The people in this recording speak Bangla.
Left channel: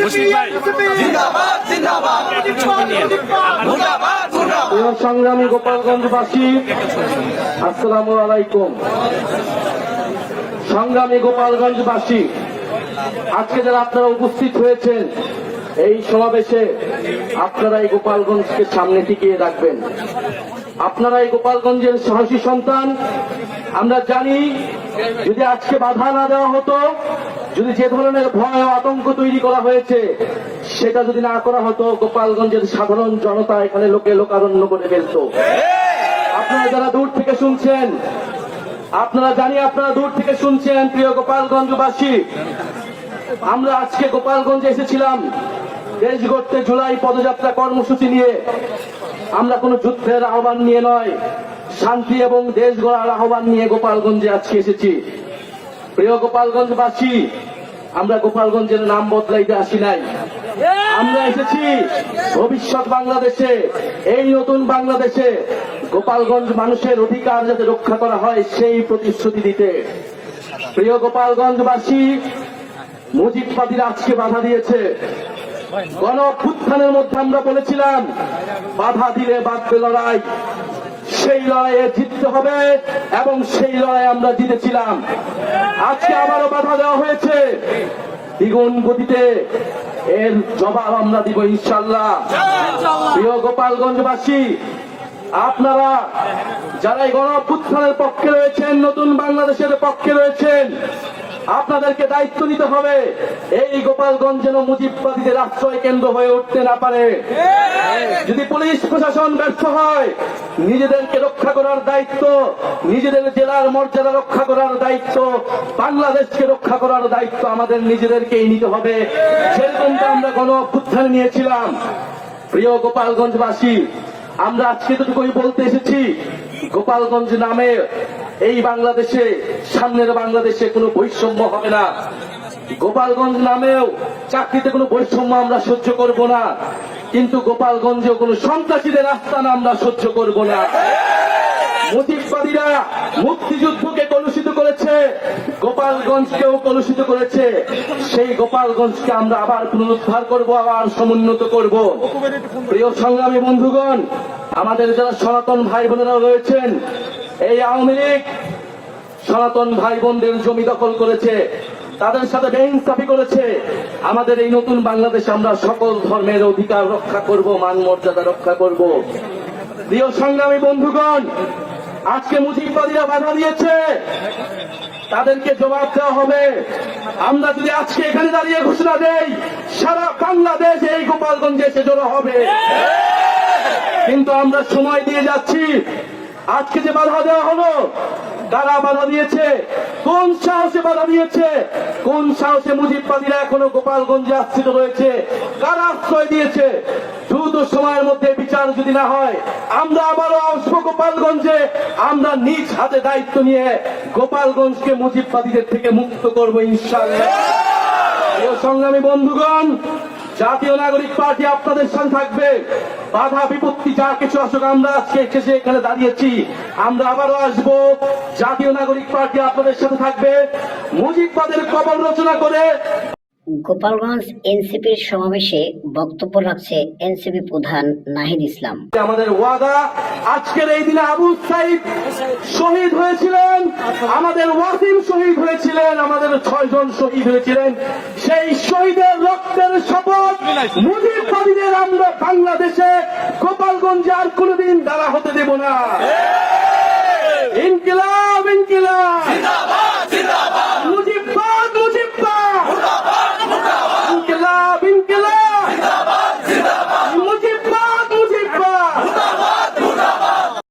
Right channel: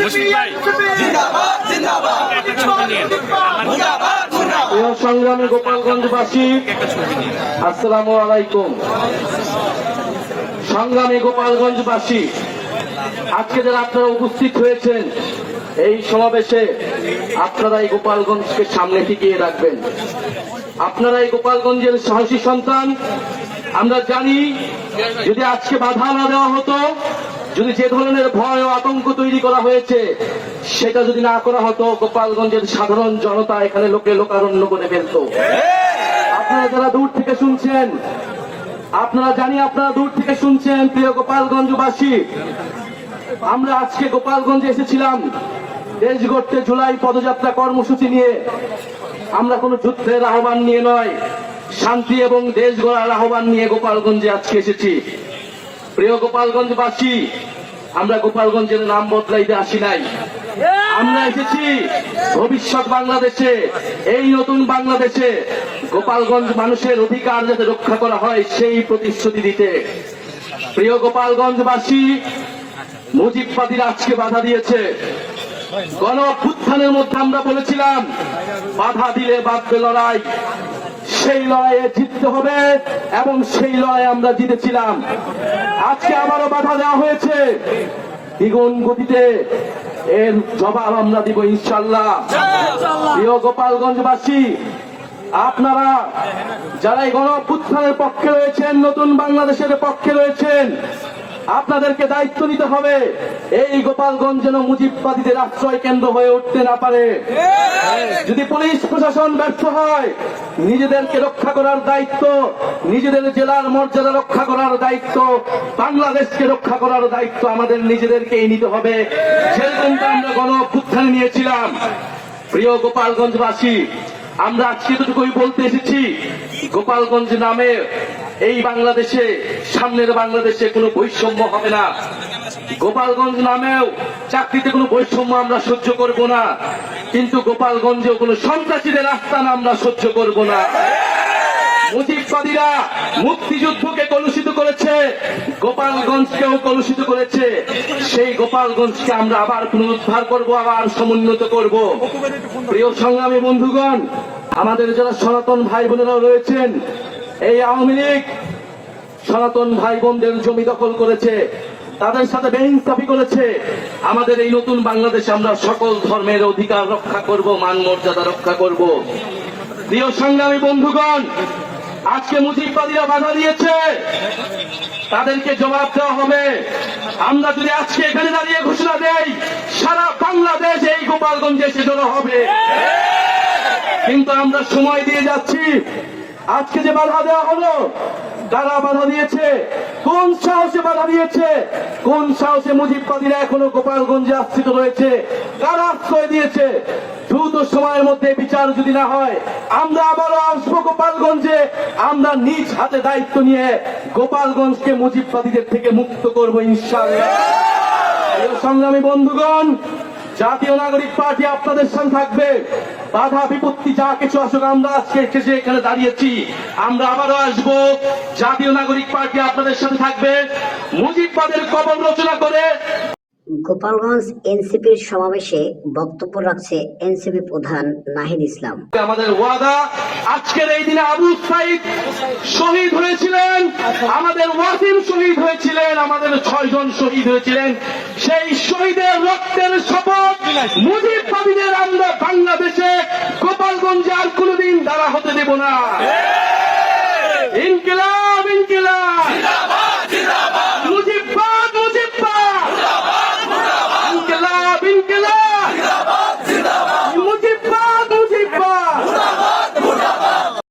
সংগ্রামী গোপালগঞ্জবাসী আসসালাম আলাইকুম সংগ্রামী গোপালগঞ্জবাসী আজকে যারা আপনারা উপস্থিত হয়েছেন এই সমাবেশে আপনারা এই গোপালগঞ্জকে সামনে টিকিয়ে রাখবেন আপনারা এই গোপালগঞ্জের সাহসী সন্তান আমরা জানি যদি আজকে বাধা না দেওয়া হতো যদি যে ধরনের ভয় ও আতঙ্ক তৈরি করা হয়েছে সেটা যদি না করা হতো গোপালগঞ্জের সাধারণ জনতা এখানে লোকে লোকারণ্য করে ফেলত আপনারা যারা দূর থেকে শুনছেন আপনারা জানি আপনারা দূর থেকে শুনছেন প্রিয় গোপালগঞ্জবাসী আমরা আজকে গোপালগঞ্জে এসেছিলাম দেশ গড়তে জুলাই পদযাত্রা কর্মসূচি নিয়ে আমরা কোনো যুদ্ধের আহ্বান নিয়ে নয় শান্তি এবং দেশ গড়ার আহ্বান নিয়ে গোপালগঞ্জে আজকে এসেছি প্রিয় গোপালগঞ্জবাসী আমরা গোপালগঞ্জের নাম বদলাইতে আসি নাই আমরা এসেছি ভবিষ্যৎ বাংলাদেশে এই নতুন বাংলাদেশে গোপালগঞ্জ মানুষের অধিকার যাতে রক্ষা করা হয় সেই প্রতিশ্রুতি দিতে প্রিয় গোপালগঞ্জবাসী মুজিবাদীরা আজকে বাধা দিয়েছে গণ অভ্যুত্থানের মধ্যে আমরা বলেছিলাম বাধা দিলে বাধ্য লড়াই সেই লড়াইয়ে জিততে হবে এবং সেই লড়াই আমরা জিতেছিলাম আজকে আমারও বাধা দেওয়া হয়েছে দ্বিগুণ গতিতে এর জবাব আমরা দিব ইনশাল্লাহ প্রিয় গোপালগঞ্জবাসী আপনারা যারা এই গণ পক্ষে রয়েছেন নতুন বাংলাদেশের পক্ষে রয়েছেন আপনাদেরকে দায়িত্ব নিতে হবে এই গোপালগঞ্জ যেন মুজিববাদীদের আশ্রয় কেন্দ্র হয়ে উঠতে না পারে যদি পুলিশ প্রশাসন ব্যর্থ হয় নিজেদেরকে রক্ষা করার দায়িত্ব নিজেদের জেলার মর্যাদা রক্ষা করার দায়িত্ব বাংলাদেশকে রক্ষা করার দায়িত্ব আমাদের নিজেদেরকেই নিতে হবে সেদিনকে আমরা গণ অভ্যুত্থান নিয়েছিলাম প্রিয় গোপালগঞ্জবাসী আমরা আজকে বলতে এসেছি গোপালগঞ্জ নামে এই বাংলাদেশে সামনের বাংলাদেশে কোনো বৈষম্য হবে না গোপালগঞ্জ নামেও চাকরিতে কোনো বৈষম্য আমরা সহ্য করব না কিন্তু গোপালগঞ্জেও কোনো সন্ত্রাসীদের আস্থান আমরা সহ্য করব না মুজিবাদীরা মুক্তিযুদ্ধকে কলুষিত করেছে গোপালগঞ্জকেও কলুষিত করেছে সেই গোপালগঞ্জকে আমরা আবার পুনরুদ্ধার করব আবার সমুন্নত করব প্রিয় সংগ্রামী বন্ধুগণ আমাদের যারা সনাতন ভাই বোনেরা রয়েছেন এই আওয়ামী লীগ সনাতন ভাই বোনদের জমি দখল করেছে তাদের সাথে বেইনসাফি করেছে আমাদের এই নতুন বাংলাদেশে আমরা সকল ধর্মের অধিকার রক্ষা করব মান মর্যাদা রক্ষা করব প্রিয় সংগ্রামী বন্ধুগণ আজকে মুজিবাদীরা বাধা দিয়েছে তাদেরকে জবাব দেওয়া হবে আমরা যদি আজকে এখানে দাঁড়িয়ে ঘোষণা দেই সারা বাংলাদেশ এই গোপালগঞ্জে এসে জড়ো হবে কিন্তু আমরা সময় দিয়ে যাচ্ছি আজকে যে বাধা দেওয়া হলো কারা বাধা দিয়েছে কোন সাহসে বাধা দিয়েছে কোন সাহসে মুজিববাদীরা এখনো গোপালগঞ্জে আশ্রিত রয়েছে কারা আশ্রয় দিয়েছে দ্রুত সময়ের মধ্যে বিচার যদি না হয় আমরা আবারও আসবো গোপালগঞ্জে আমরা নিজ হাতে দায়িত্ব নিয়ে গোপালগঞ্জকে মুজিববাদীদের থেকে মুক্ত করবো ইনশাআল্লাহ সংগ্রামী বন্ধুগণ জাতীয় নাগরিক পার্টি আপনাদের সঙ্গে থাকবে বাধা বিপত্তি যা কিছু আসুক আমরা আজকে শেষে এখানে দাঁড়িয়েছি আমরা আবারও আসব জাতীয় নাগরিক পার্টি আপনাদের সাথে থাকবে মুজিববাদের কবর রচনা করে গোপালগঞ্জ এনসিপির সমাবেশে বক্তব্য রাখছে এনসিপি প্রধান নাহিদ ইসলাম আমাদের ওয়াদা আজকের এই দিনে আবু সাইদ শহীদ হয়েছিলেন আমাদের ওয়াসিম শহীদ হয়েছিলেন আমাদের ছয়জন শহীদ হয়েছিলেন সেই শহীদের রক্তের শপথ মুজিব কবিদের আমরা বাংলাদেশে গোপালগঞ্জে আর কোনোদিন দ্বারা হতে দেব না ইনকিলাব ইনকিলাব